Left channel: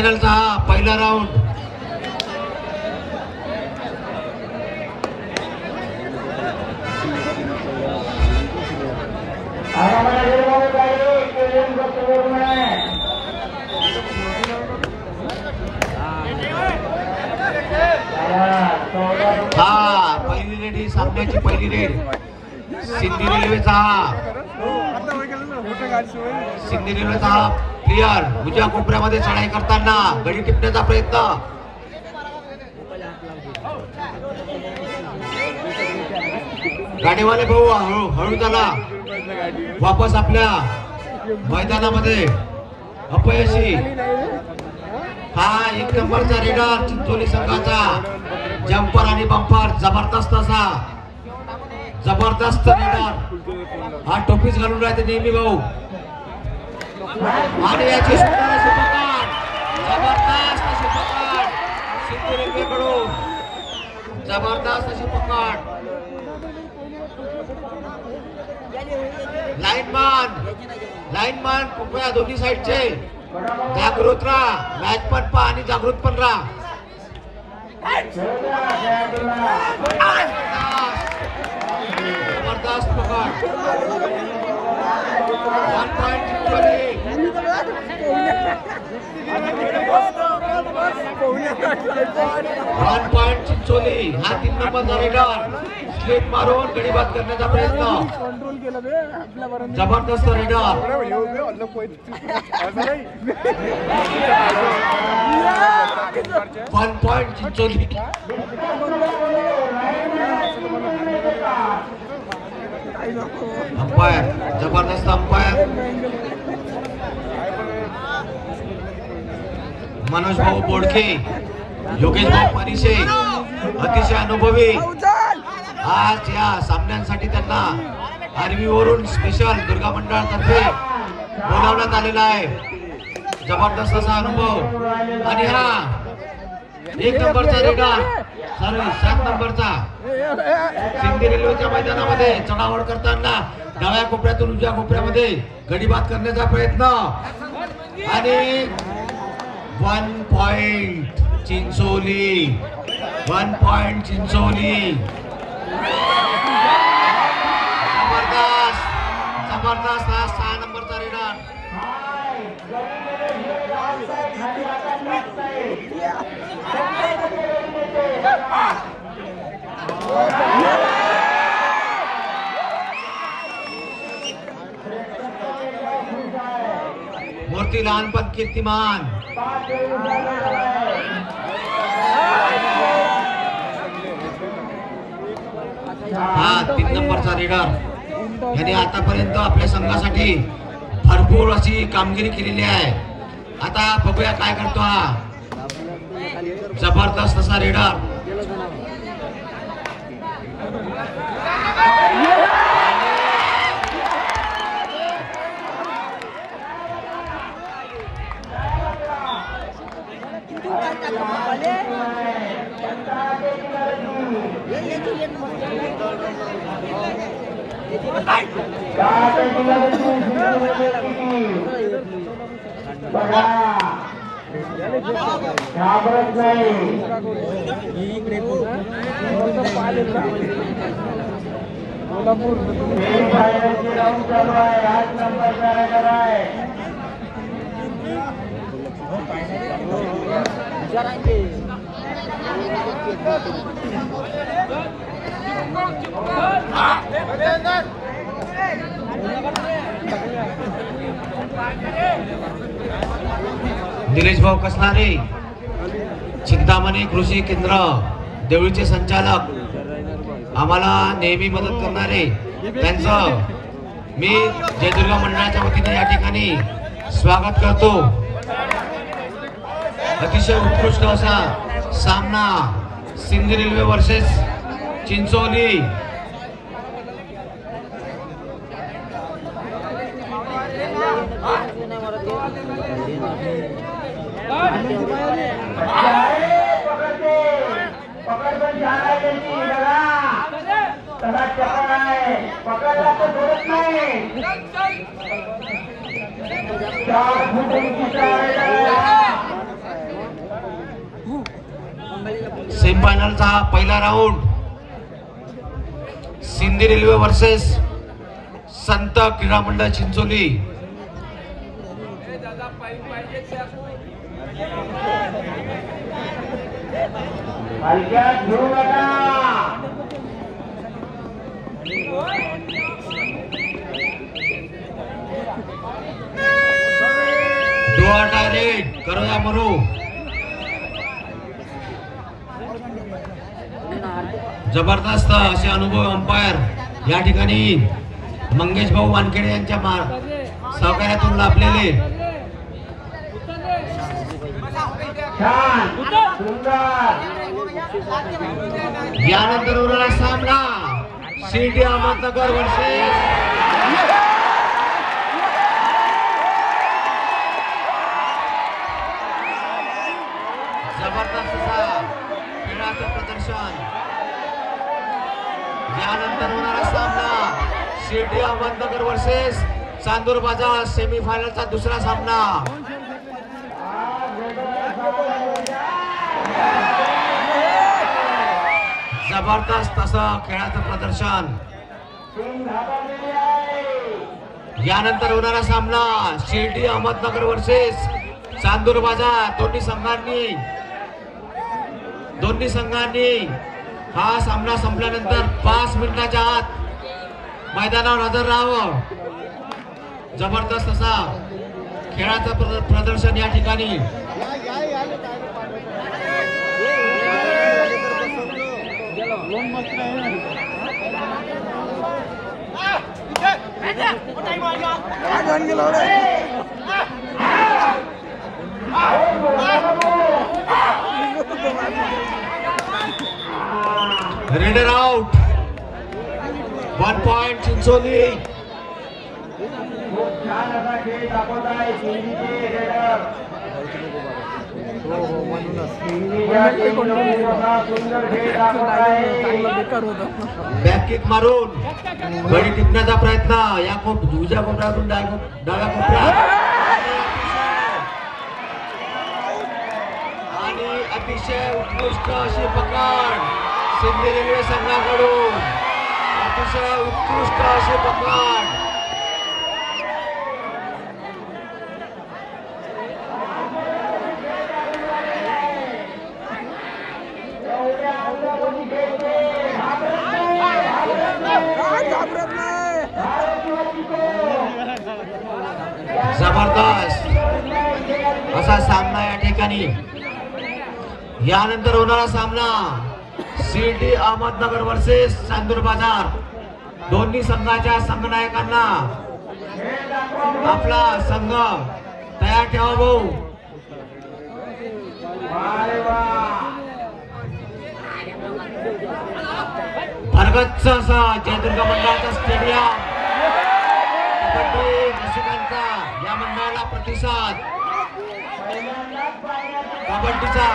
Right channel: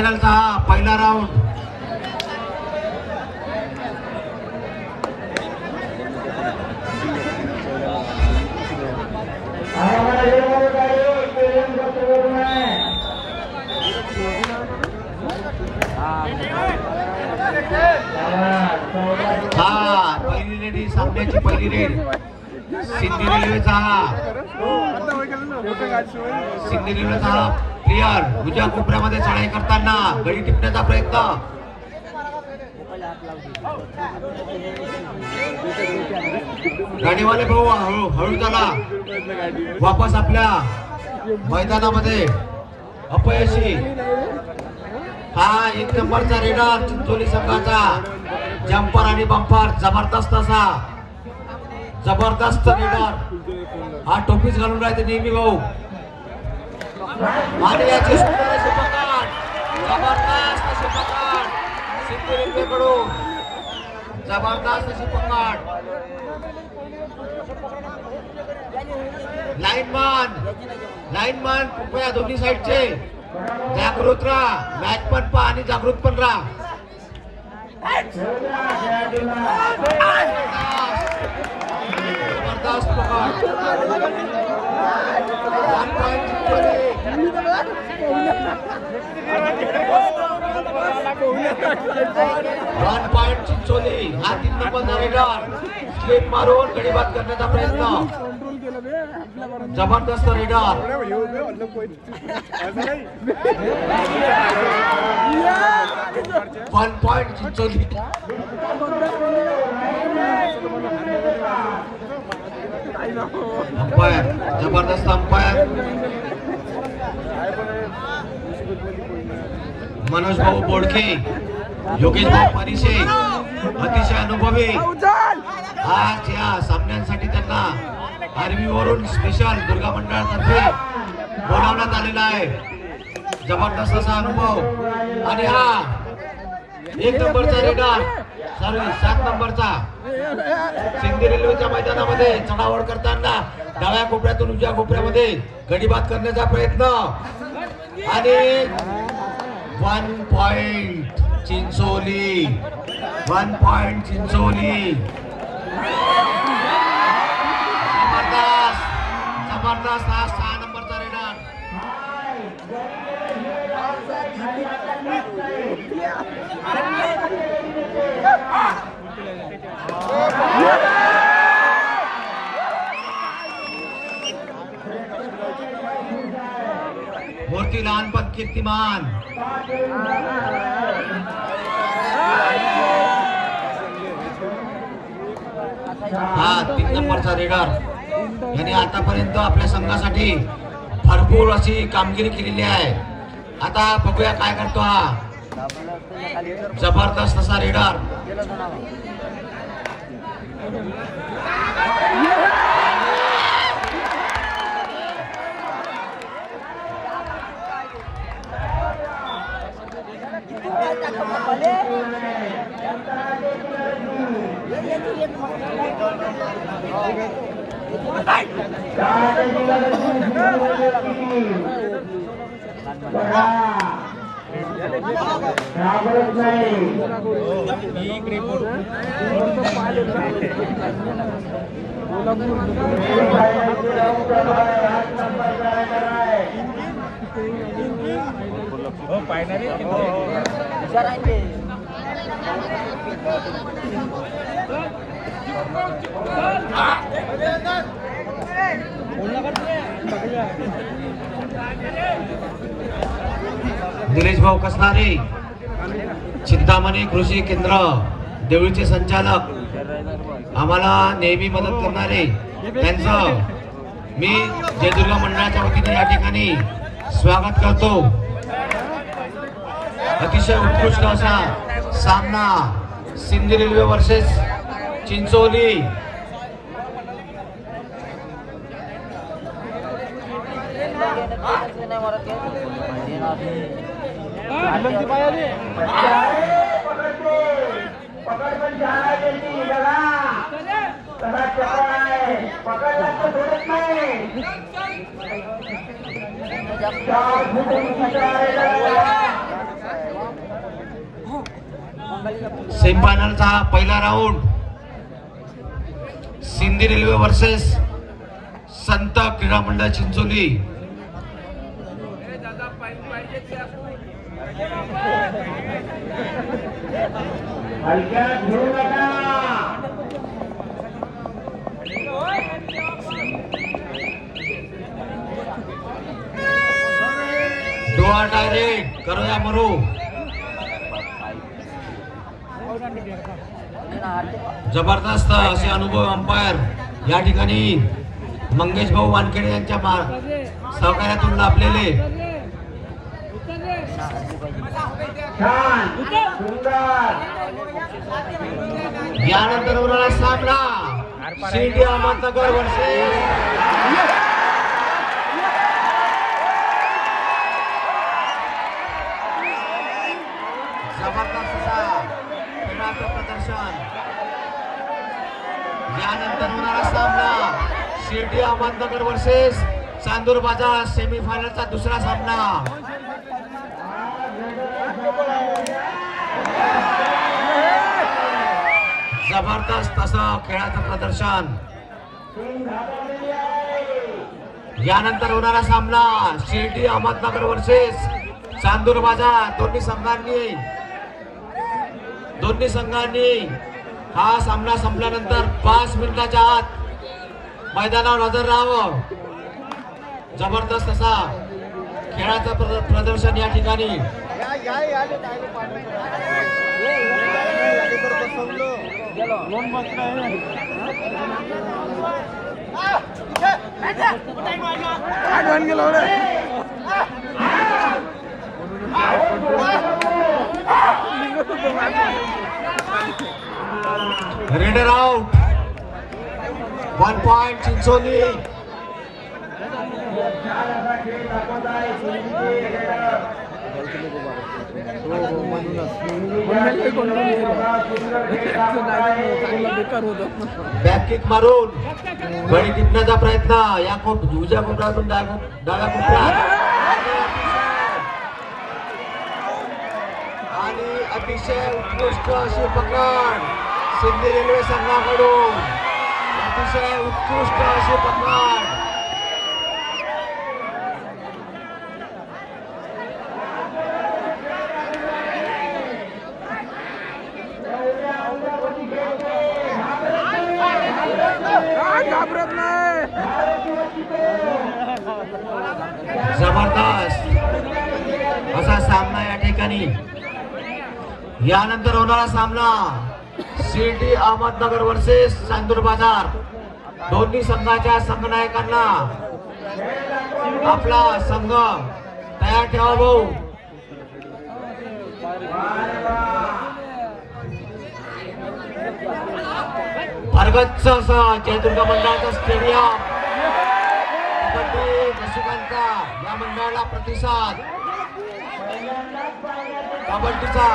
फायनलचा पहिला राऊंड. हा पहिली रेड ही सामन्याची पहिली रेड. सिंधी रेल्वेचा हा प्लेयर उजव्या कोपऱ्यामध्ये चढाई करताना गडी टिपण्याचा प्रयत्न. गाडीवाले भाऊ हळू झाला. वापस आपल्या मैदानामध्ये अपयशी. हा एक नंबरचा रेडर चिंचोली संघाचा. जम्पर आणि बंपर जबरदस्त असा. जबरदस्त रेडर. हा टोपीच घालून राहते नेहमी भाऊ. आणि याची सुंदर अशी पकड. जबरदस्त अशी पकड सिंधू रेल्वेकडून. जबरदस्त अशी पकड. लाईनमॅन कृपया दोन्ही साईडचे जागृत राहा. मॅच पण पहा आणि जागृत पण राहा. जबरदस्त पकड. 1 पॉइंट चिंचोली. 1 पॉइंट चिंचोली. हा 3 नंबरचा रेडर स्लिप मारून गडीबाद करण्याचा प्रयत्न. जबरदस्त रेडर. 1 पॉइंट चिंचोली. अंपायर जबरदस्त अंपायर मनोज भाऊ बोडके, योगेश भाऊ परिशे अतिशय अनुभवी. आज या सामन्यांसाठी त्यांना आर्मी वरून स्पेशल दुर्गा मंडळातर्फे बोलावण्यात आलेला आहे. जबरदस्त असा अनुभव. आणि हा 1 नंबरचा रेडर 7 नंबरचा सिंधी रेल्वेच्या मैदानामध्ये चढावड करताना डाव्या कोपऱ्यातून उजव्या कोपऱ्यामध्ये गडीबाद करण्याचा प्रयत्न. आणि 1 पॉइंट चिंचोली. 1 पॉइंट चिंचोली. जबरदस्त जबरदस्त हा 6 नंबरचा रेडर. मूर्ती लहानपण कीर्तिमान. हा 3 नंबरचा रेडर. यांनी आतापर्यंत आपल्या संघासाठी भरपूर अशी कामगिरी केलेली आहे. आता बघूया काय करतो हा जबरदस्त असा रेडर. घाबरत नाही. निलेश भाऊ कसणारे, चिंतामणी कृषी केंद्र देवळीचे संचालक, आम्हाला नेहमी मदत करणारे, त्यांचं मी जयदुर्गा मंडळाच्या वतीने या ठिकाणी स्वागत करतो. अतिशय उत्कृष्ट असा सामना सिंधी रेल्वे वर्सेस चिंचोली. सेमीफायनलचा हा पहिला राऊंड सिंधी रेल्वे वर्सेस संत क्रीडा मंडळ चिंचोली. डोआ डायरेक्ट करूया मरू. जबरदस्त असे अनुभव अंपायर या ठिकाणी मंगेश भाऊ वानखेडे यांच्या सहकार्यातून लाभलेले. यानंतर उरला सामना शिर्डी अहमदनगर वर्सेस जबरदस्त असा खेळाचं प्रदर्शन. यानंतर होणारा सामना शिर्डी अहमदनगर वर्सेस चांदूर बाजार सेमीफायनलचा दुसरा सामना. जबरदस्त असं खेळाचं प्रदर्शन. यानंतर होणारा सामना शिर्डी अहमदनगर वर्सेस चांदूर बाजार. दोन्ही संघांनी हा सामना संपल्यानंतर 5 मिनिटाच्या आत मैदानावर हजर राहावं. जबरदस्त असा खेळाचं प्रदर्शन या ठिकाणी. Raider out. 1 point Chincholi. Back kick मारून बळी टिपण्याचा प्रयत्न. या उजव्या कोपऱ्यातून डाव्या कोपऱ्यात आणि अतिशय उत्कृष्ट अशी पकड सिंधी रेल्वे संघाकडून. अतिशय उत्कृष्ट अशी पकड. जबरदस्त असा सामना या ठिकाणी. यानंतर होणारा सामना शिर्डी अहमदनगर वर्सेस चांदूर बाजार. दोन्ही संघाच्या संघनायकांना आपला संघ तयार ठेवा भाऊ. भरगच्च असं जयदुर्गा मंडळाचं स्टेडियम. रसिकांचा या मंडळाला प्रतिसाद. कबड्डीचा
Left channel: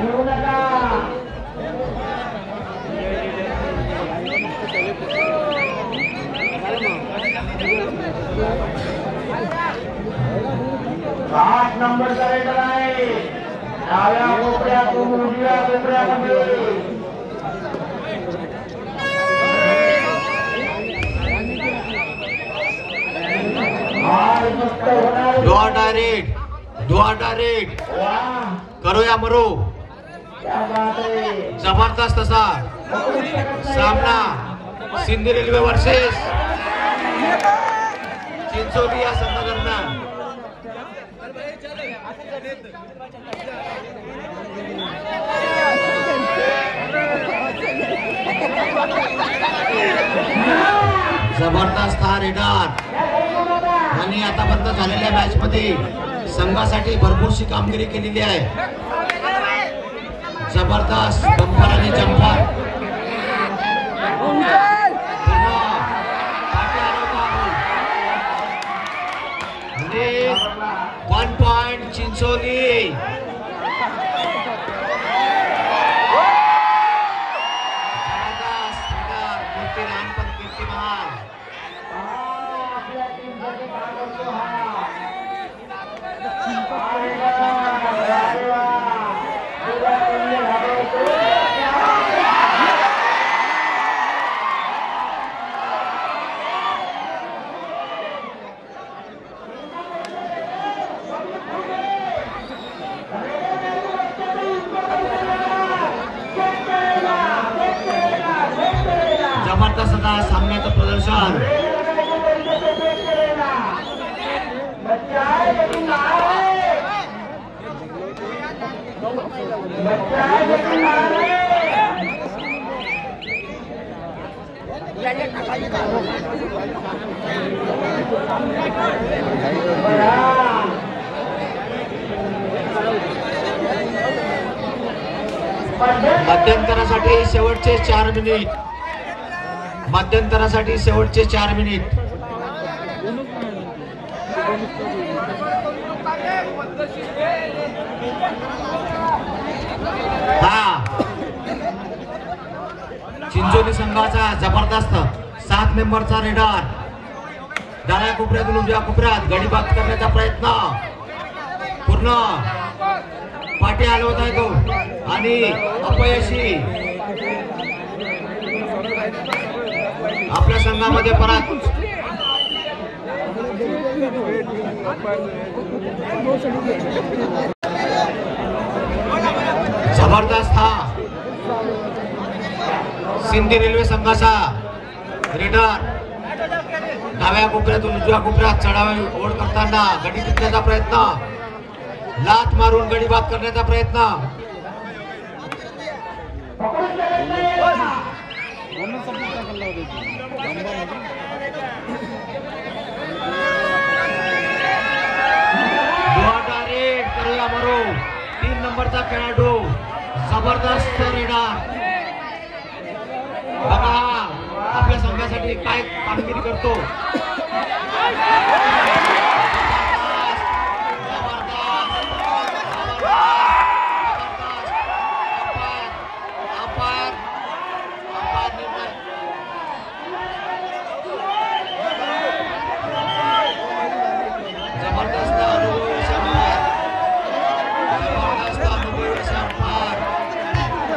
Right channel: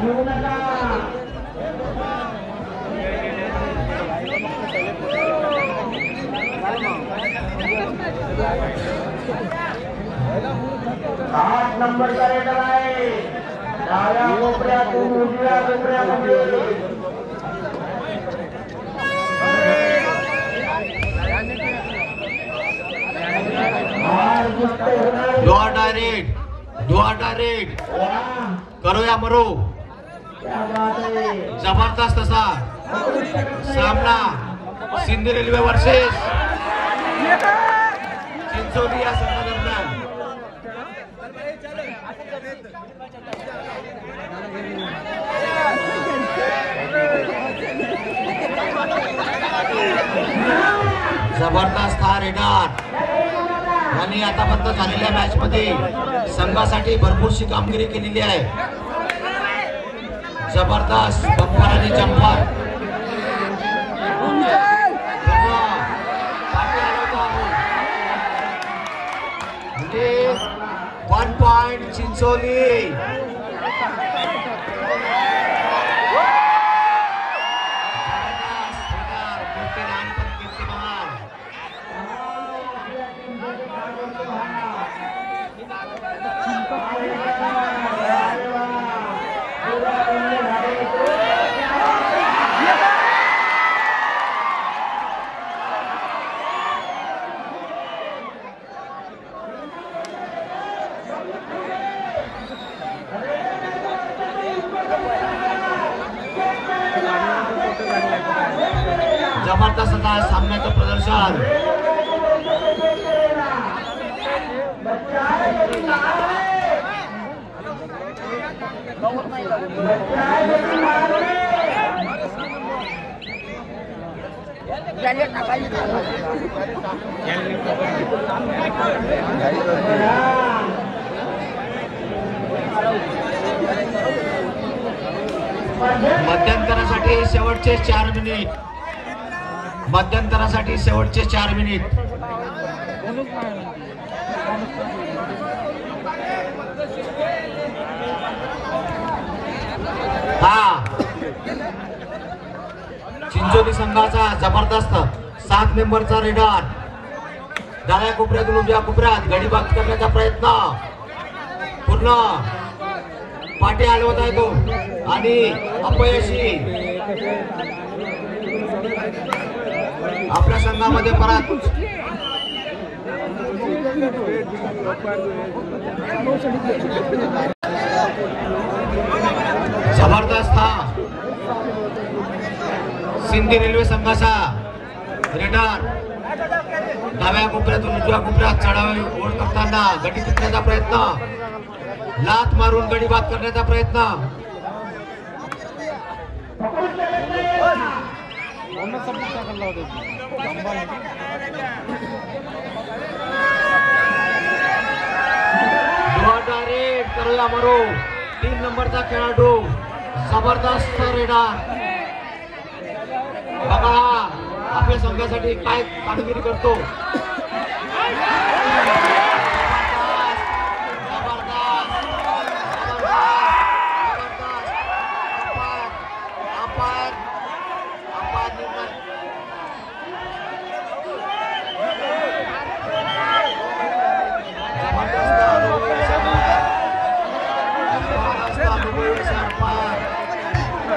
घेऊ नका. आठ नंबरचा रेडर आहे. डाव्या कोपऱ्यातून उजव्या कोपऱ्यामध्ये डोआ डायरेक्ट करूया मरू. जबरदस्त असा सामना सिंधी रेल्वे वर्सेस चिंचोली या संघादरम्यान. जबरदस्त हा रेडर यांनी आतापर्यंत झालेल्या मॅच मध्ये संघासाठी भरपूरशी कामगिरी केलेली आहे. जबरदस्त बंपर आणि जंपर. 1 पॉइंट चिंचोली. कीर्ती लहानपण कीर्तिमान जबरदस्त असा सामन्याचं प्रदर्शन मध्यंतरासाठी शेवटचे 4 मिनिट मध्यंतरासाठी शेवटचे 4 मिनिट चिंचोली संघाचा जबरदस्त 7 मेंबरचा रेडर डाव्या कोपऱ्यातून उजव्या कोपऱ्यात गडीबाद करण्याचा प्रयत्न पूर्ण पाठी हलवत आहे तो आणि अपयशी आपल्या संघामध्ये परत जबरदस्त सिंधी रेल्वे संघाचा रेडर डाव्या कोपऱ्यातून उजव्या कोपऱ्यात चढावी ओढ करताना गडी टिकण्याचा प्रयत्न लात मारून गडी बाद करण्याचा प्रयत्न करूया मरू 3 नंबरचा खेळाडू जबरदस्त रेडर बघा आपल्या संघासाठी काय कामगिरी करतो जबरदस्त अनुभवी अंपायर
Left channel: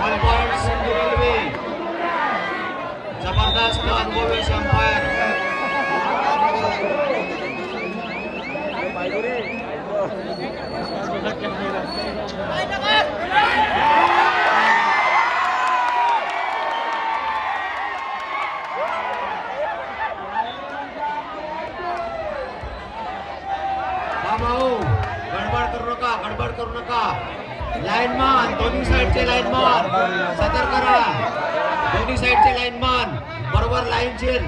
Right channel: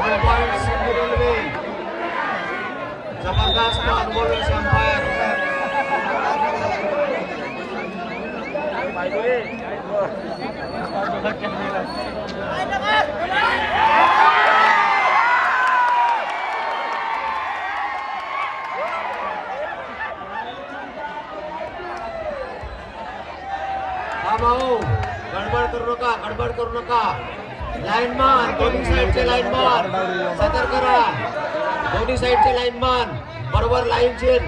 1 पॉइंट सिंधी रेल्वे जबरदस्त अनुभवी अंपायर भाऊ गडबड करू नका लाईनमॅन दोन्ही साईडचे लाईनमॅन सतर्क करा दोन्ही साईडचे लाईनमॅन बरोबर लाईनशीर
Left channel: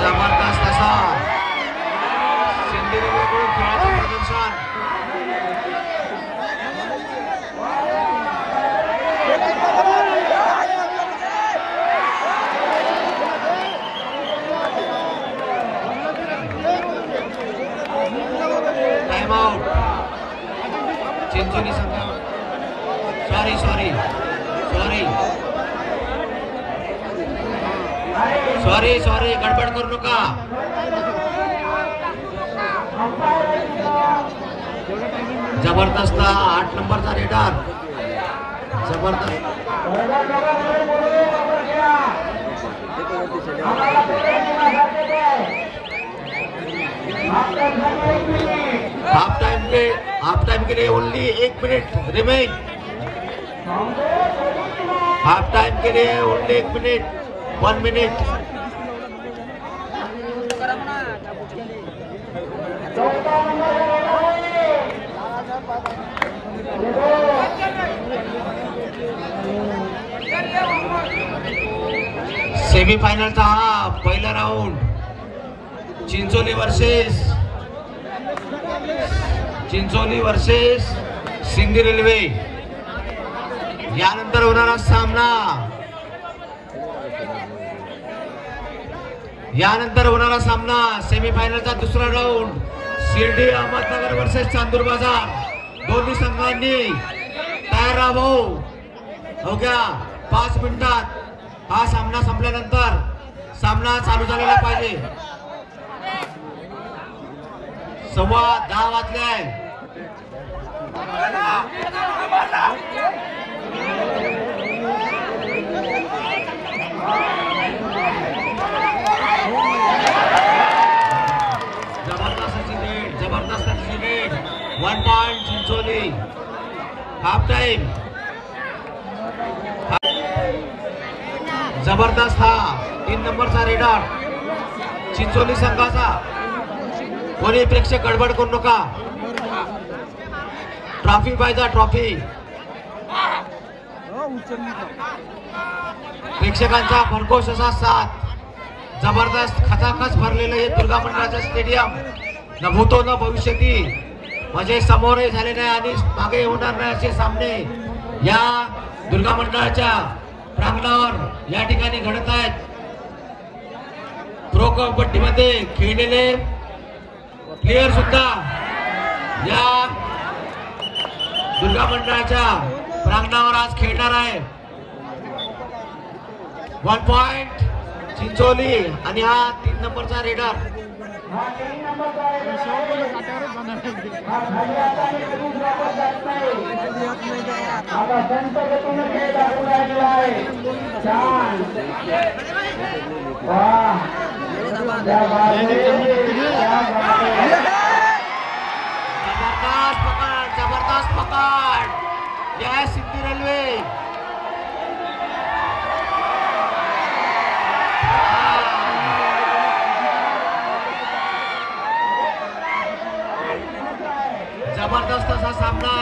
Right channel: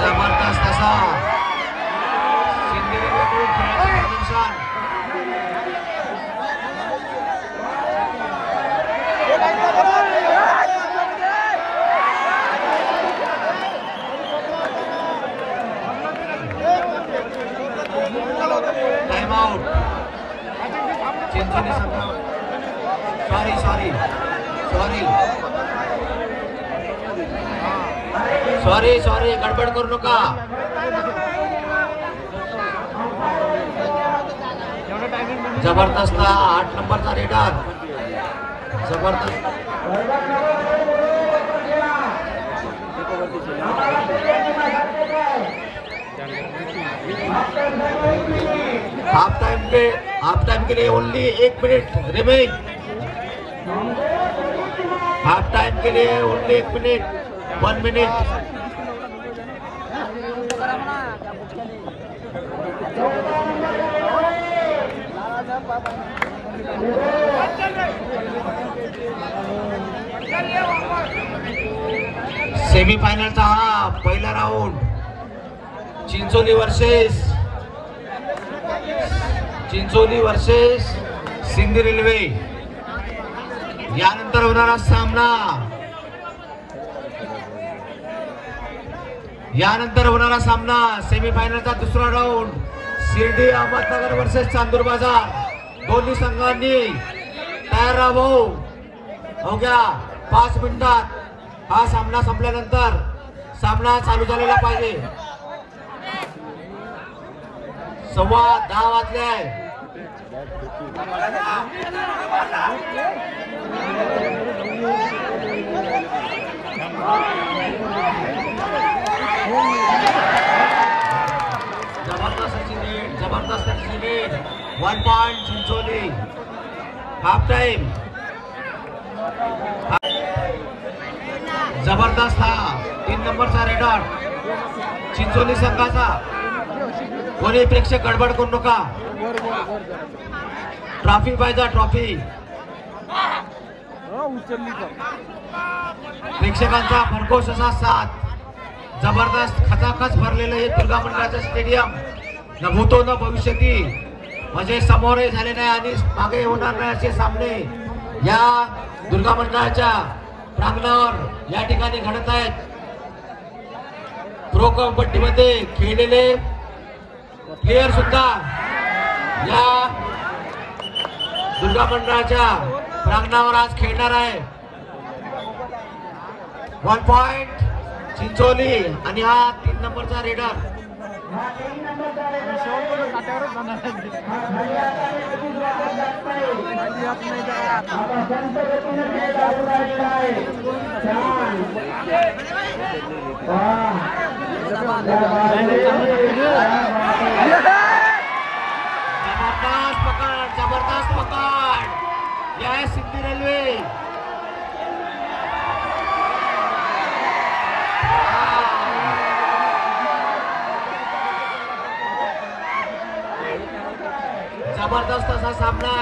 जबरदस्त असा सिंधी रेल्वेकडून खेळाचं प्रदर्शन टाइम आउट चिंचोली संघ सॉरी गडबड करू नका जबरदस्त 8 नंबरचा रेडर जबरदस्त हाफ टाइम के लिए only 1 minute remain half time के लिए ओनली 1 मिनट 1 मिनट सेमीफायनलचा हा पहिला round Chincholi versus Sindhi railway यानंतर होणारा सामना, सेमीफायनलचा दुसरा राऊंड, शिर्डी अहमदनगर वर्सेस चांदूर बाजार. दोन्ही संघांनी तयार राहावं. अवघ्या 5 मिनिटात हा सामना संपल्यानंतर सामना चालू झालेला पाहिजे. 10:15 वाजले. जबरदस्त 1 पॉइंट चिंचोली. Half time. जबरदस्त हा 3 नंबरचा रेडर चिंचोली संघाचा. कोणी प्रेक्षक गडबड करू नका. ट्रॉफी पाहिजे, ट्रॉफी. प्रेक्षकांचा भरघोस असा साथ. जबरदस्त खचाखच भरलेलं हे दुर्गा मंडळाचं स्टेडियम. न भूतो न भविष्यती, म्हणजे समोरही झाले नाही आणि मागे होणार नाही असे सामने या दुर्गा मंडळाच्या प्रांगणावर या ठिकाणी घडत आहेत. प्रो कबड्डीमध्ये खेळलेले प्लेयर सुद्धा या दुर्गा मंडळाच्या प्रांगणावर आज खेळणार आहे. 1 पॉइंट चिंचोली आणि हा 3 नंबरचा रेडर. जबरदस्त पकड या सिंधी रेल्वे. जबरदस्त असा सामना.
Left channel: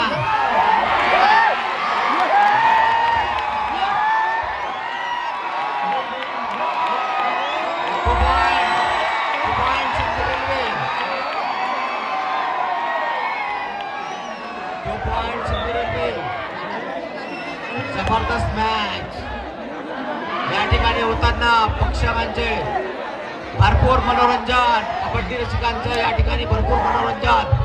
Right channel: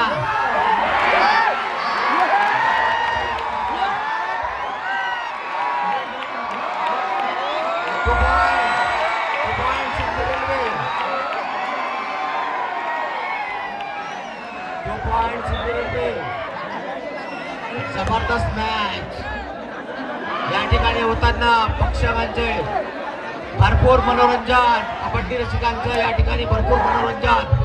जबरदस्त मॅच या ठिकाणी होताना प्रेक्षकांचे भरपूर मनोरंजन. कबड्डी रसिकांचं या ठिकाणी भरपूर मनोरंजन.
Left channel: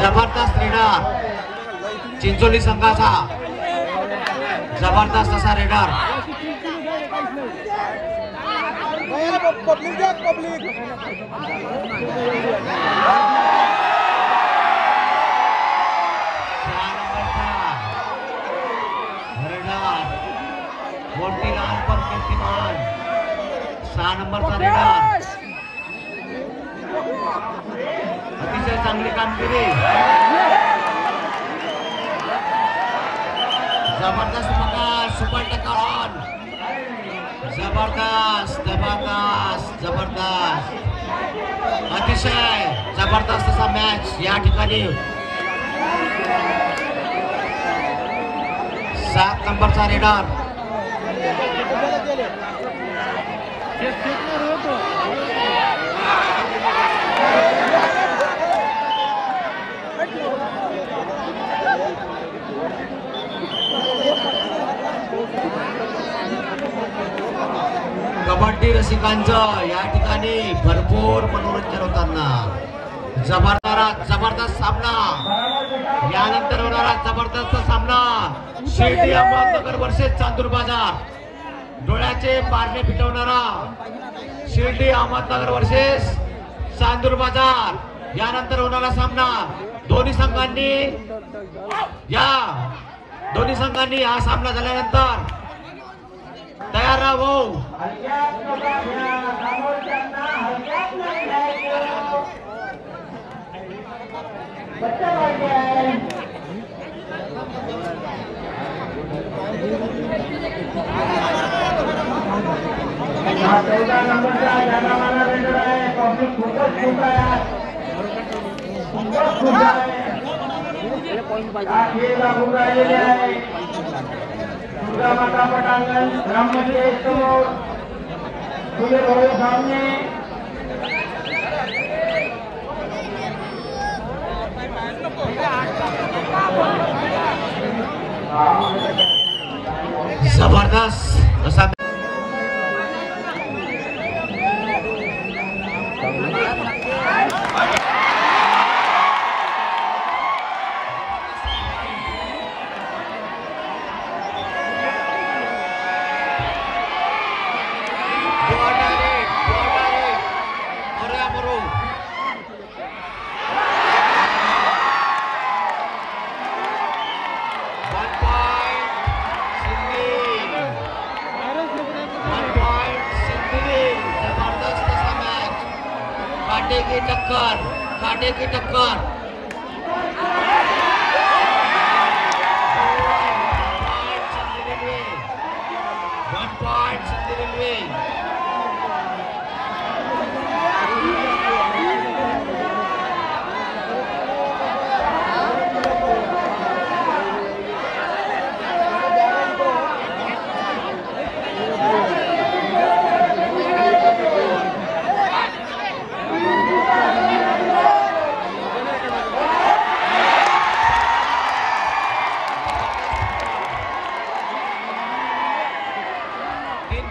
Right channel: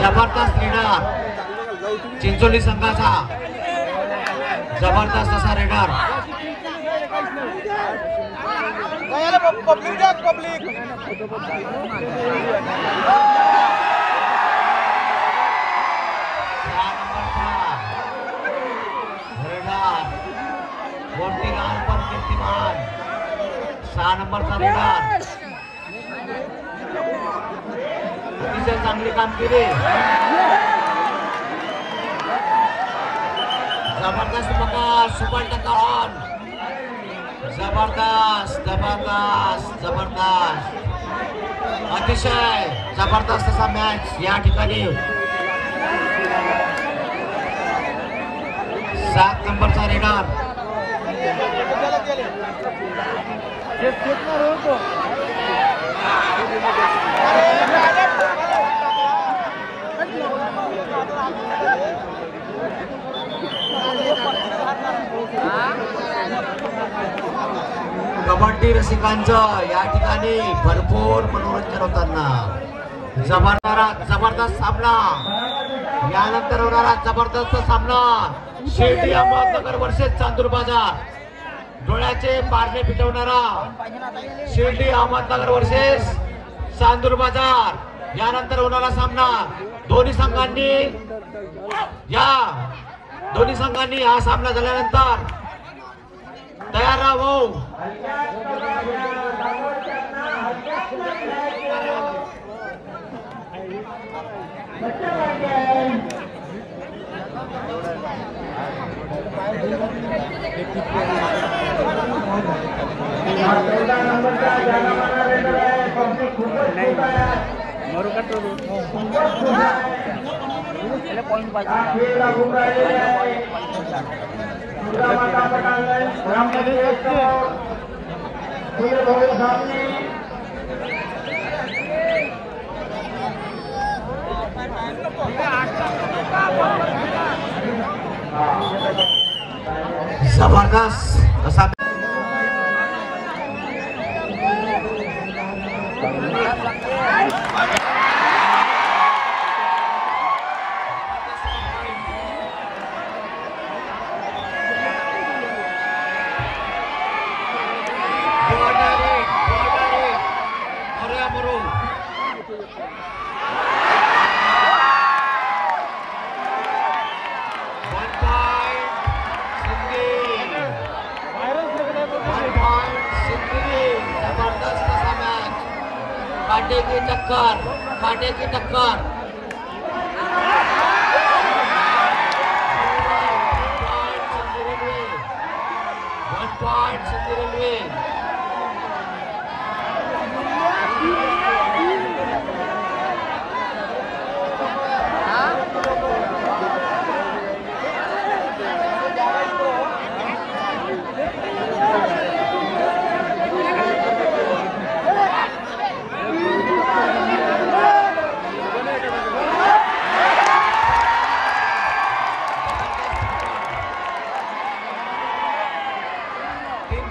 जबरदस्त रेडर चिंचोली संघाचा. जबरदस्त असा रेडर. सहा नंबरचा रेडर. अतिशय चांगली कामगिरी. जबरदस्त बघा. सुपर टक्कर. जबरदस्त जबरदस्त जबरदस्त. अतिशय जबरदस्त असा मॅच या ठिकाणी. 7 नंबरचा रेडर. कबड्डी रसिकांचं या ठिकाणी भरपूर मनोरंजन होताना जबरदस्त सामना, यानंतर होणारा जबरदस्त सामना शिर्डी अहमदनगर वर्सेस चांदूर बाजार. डोळ्याचे पारणे पिटवणारा शिर्डी अहमदनगर वर्सेस चांदूर बाजार. यानंतर होणारा सामना दोन्ही संघांनी हा सामना झाल्यानंतर तयार राहावं. हा 14 नंबरचा जाना माना रेडर आहे. कॉफी खूपच खूप आहे. खूपच खूप आहे. हा खेळ लागून राहिलेले आहे. दुर्गा माता पटांगण ग्रामपंचायत समोर खुले भव्य सामने. जबरदस्त असा काटे की टक्कर. One point Sindhi Railway. तीन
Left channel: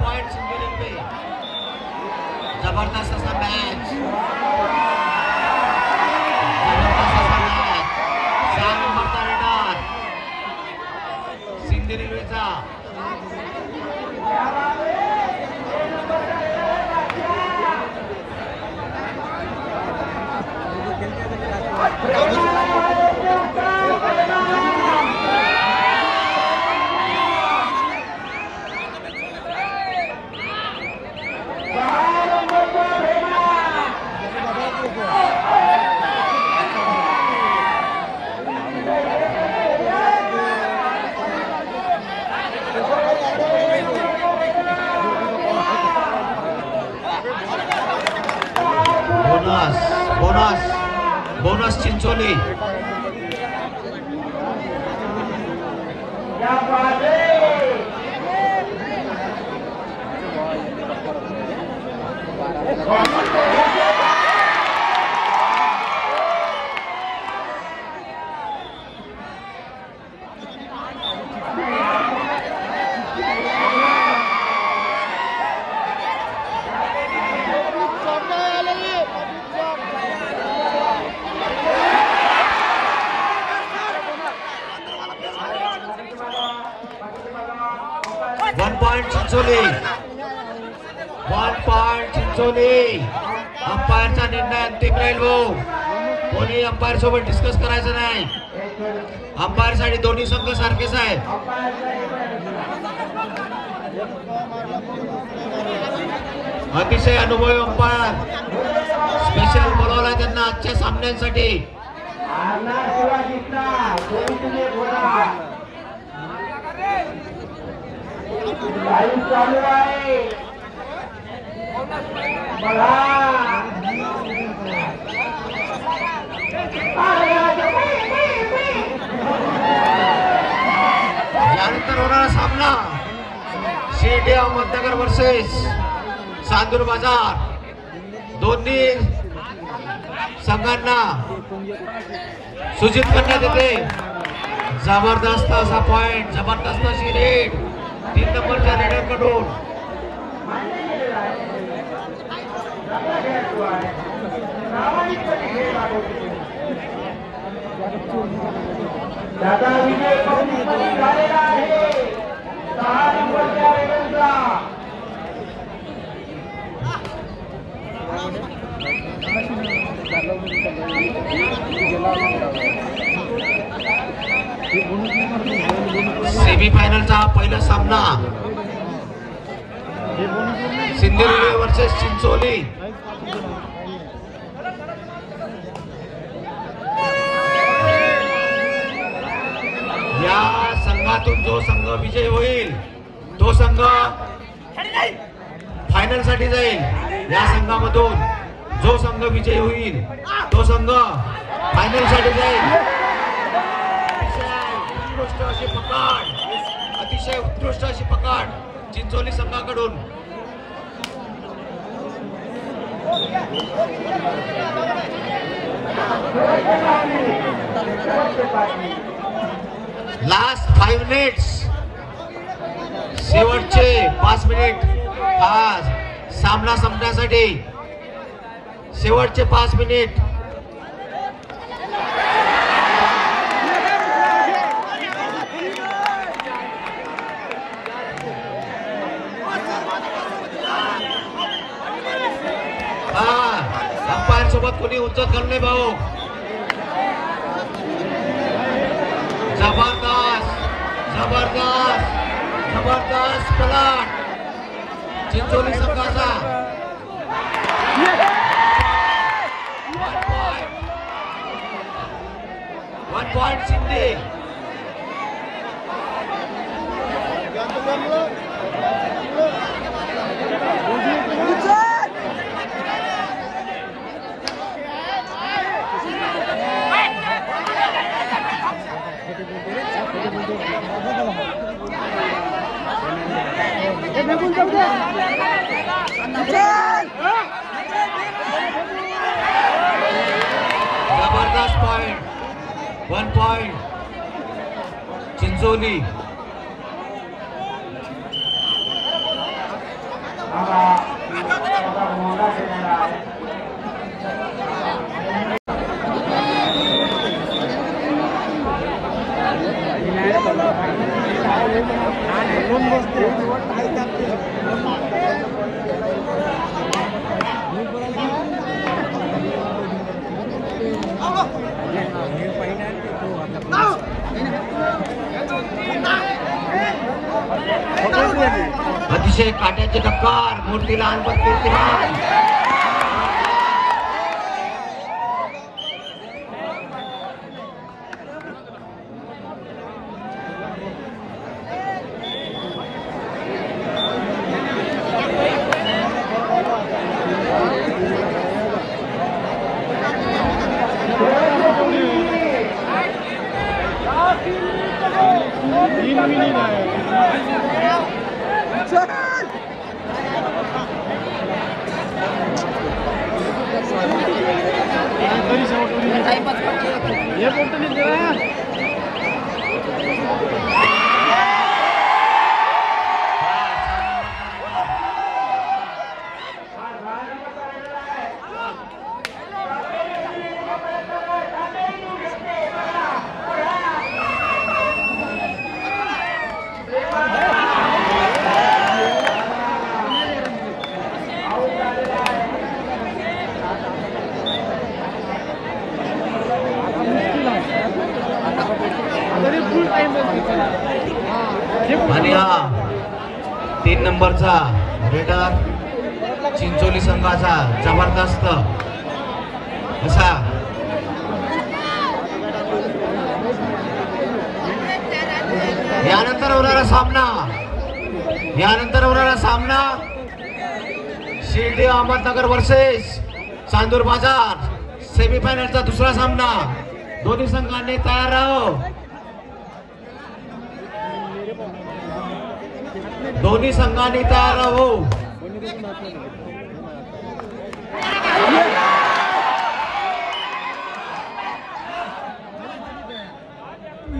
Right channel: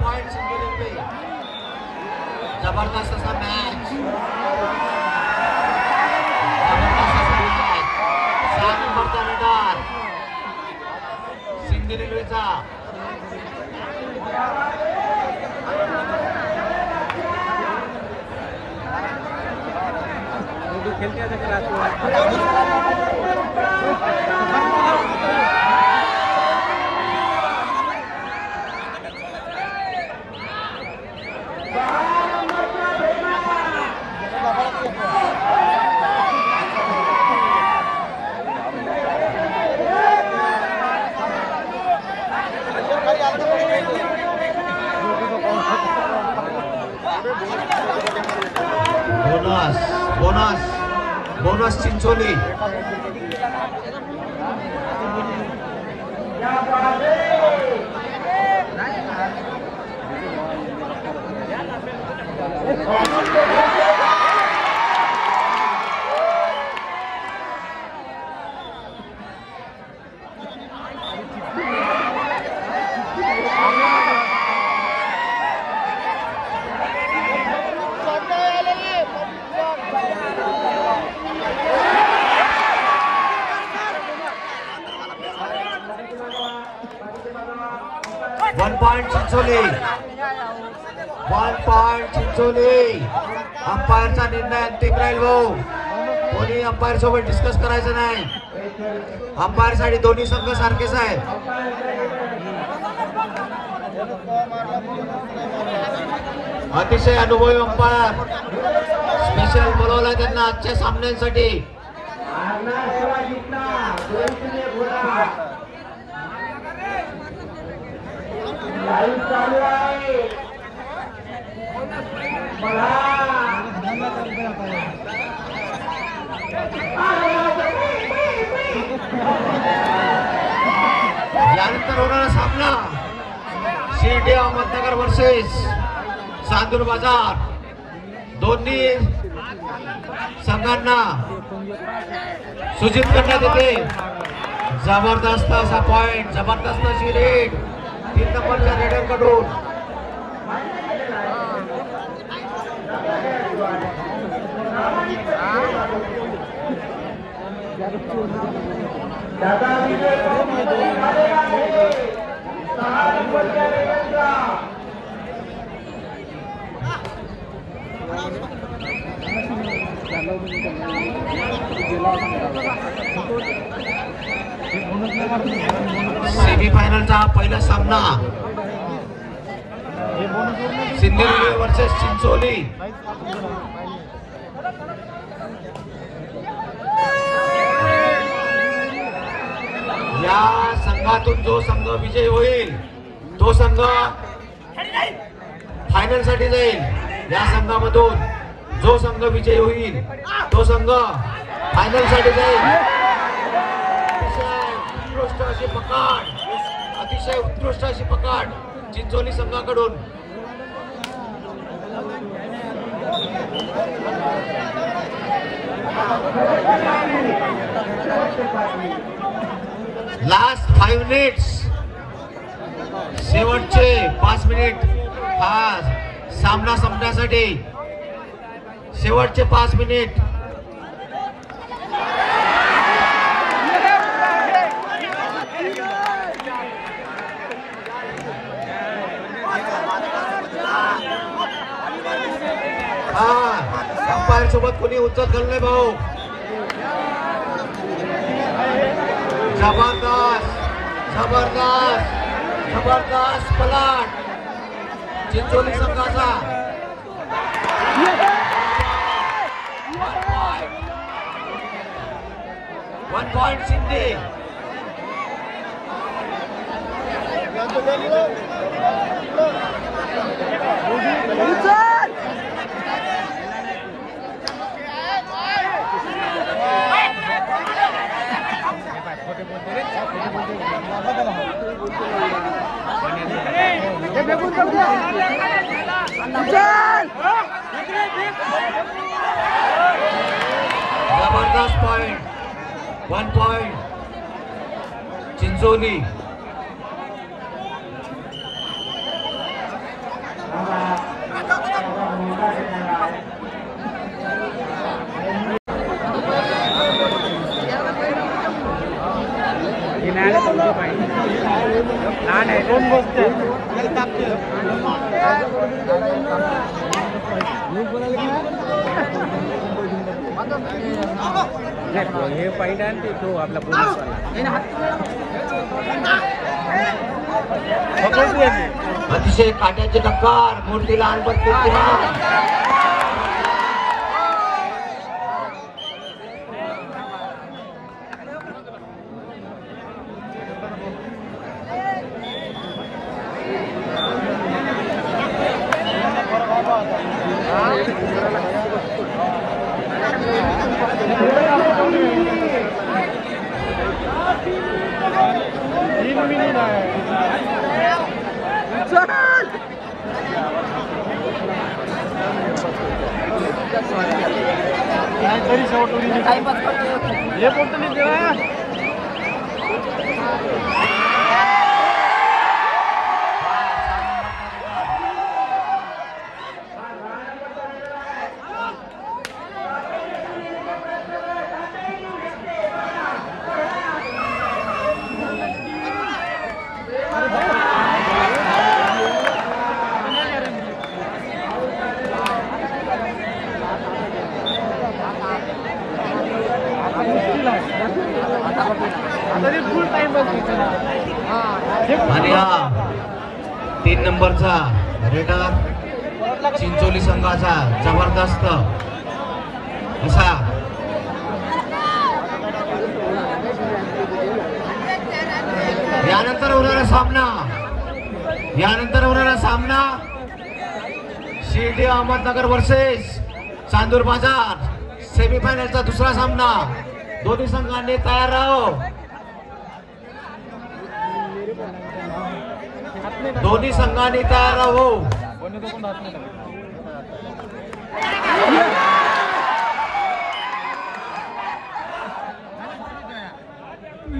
पॉइंट Sindhi Railway. जबरदस्त असा मॅच. सहा नंबरचा रेडर Sindhi Railwayचा. Bonus Chincholi. One point Chincholi. अंपायरचा निर्णय अंतिम राहील भाऊ. कोणी अंपायर सोबत डिस्कस करायचं नाही. अंपायर साठी दोन्ही संघ सारखेच आहे. अतिशय अनुभवी अंपायर स्पेशल बोलवलाय त्यांना आजच्या सामन्यांसाठी. चालू आहे. यानंतर होणारा सामना शिर्डी अहमदनगर वर्सेस चांदूर बाजार. दोन्ही संघांना सूचित करण्यात येते. जबरदस्त असा पॉइंट, जबरदस्त अशी रेड 3 नंबरच्या रेडर कडून. मान्य केलेला आहे. चांगला खेळाडू आहे. प्रामाणिकपणे खेळ दाखवतो. त्याचा विजय पावतीपती झालेला आहे 6 नंबरच्या रेडरचा. सेमीफायनलचा पहिला सामना सिंधुदुर्ग वर्सेस चिंचोली. या संघातून जो संघ विजयी होईल तो संघ फायनल साठी जाईल. या संघामधून जो संघ विजयी होईल तो संघ फायनल साठी जाईल. अतिशय उत्कृष्ट अशी पकड चिंचोली संघाकडून. लास्ट 5 मिनिट्स, शेवटचे 5 मिनिट हा सामना संपण्यासाठी. शेवटचे 5 मिनिट. अंपायर सोबत कोणी उच्चत घालले भाऊ. जबरदस्त जबरदस्त जबरदस्त पलाट चिंचोली संघाचा. 1 पॉइंट शिंदे. जबरदस्त पॉइंट. 1 पॉइंट चिंचोली. अतिशय काट्याची टक्कर. मूर्ती लहान पण कीर्तिमान. आणि हा 3 नंबरचा रेडर चिंचोली संघाचा जबरदस्त असा यानंतर होणारा सामना शिर्डी अहमदनगर वर्सेस चांदूर बाजार. सेमीफायनलचा दुसरा सामना. दोन्ही संघांनी तयार राहो. दोन्ही संघांनी तयार राहो. Go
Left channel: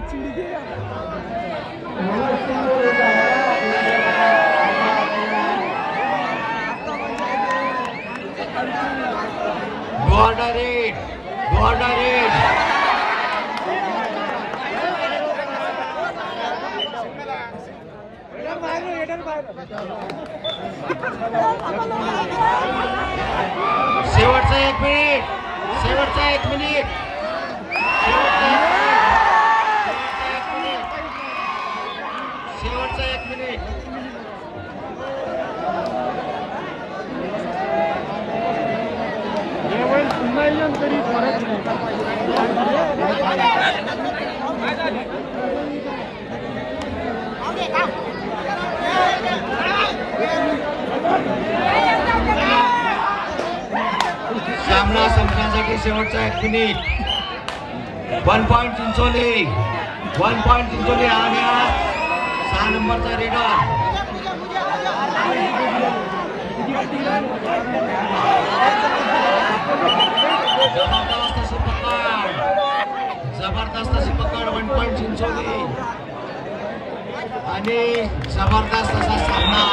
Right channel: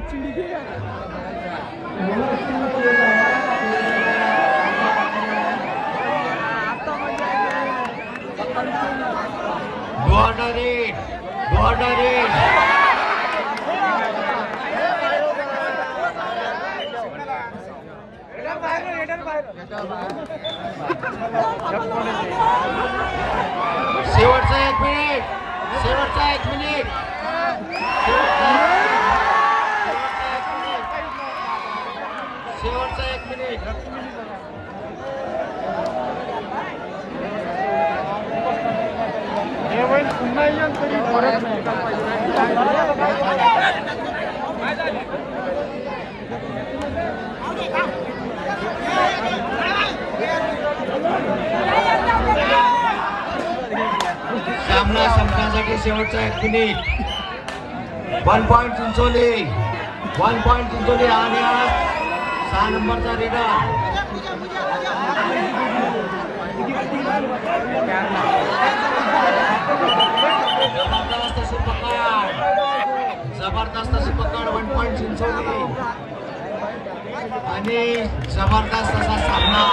under it. शेवटचा 1 मिनिट. शेवटचा 1 मिनिट. शेवटचा 1 मिनिट. सामना संपण्यासाठी शेवटचा 1 minute. 1 point Chincholi. 1 point Chincholi आणि 6 नंबरचा रेडर. जबरदस्त अशी पकड. 1 पॉइंट चिंचोली आणि जबरदस्त असा सामना.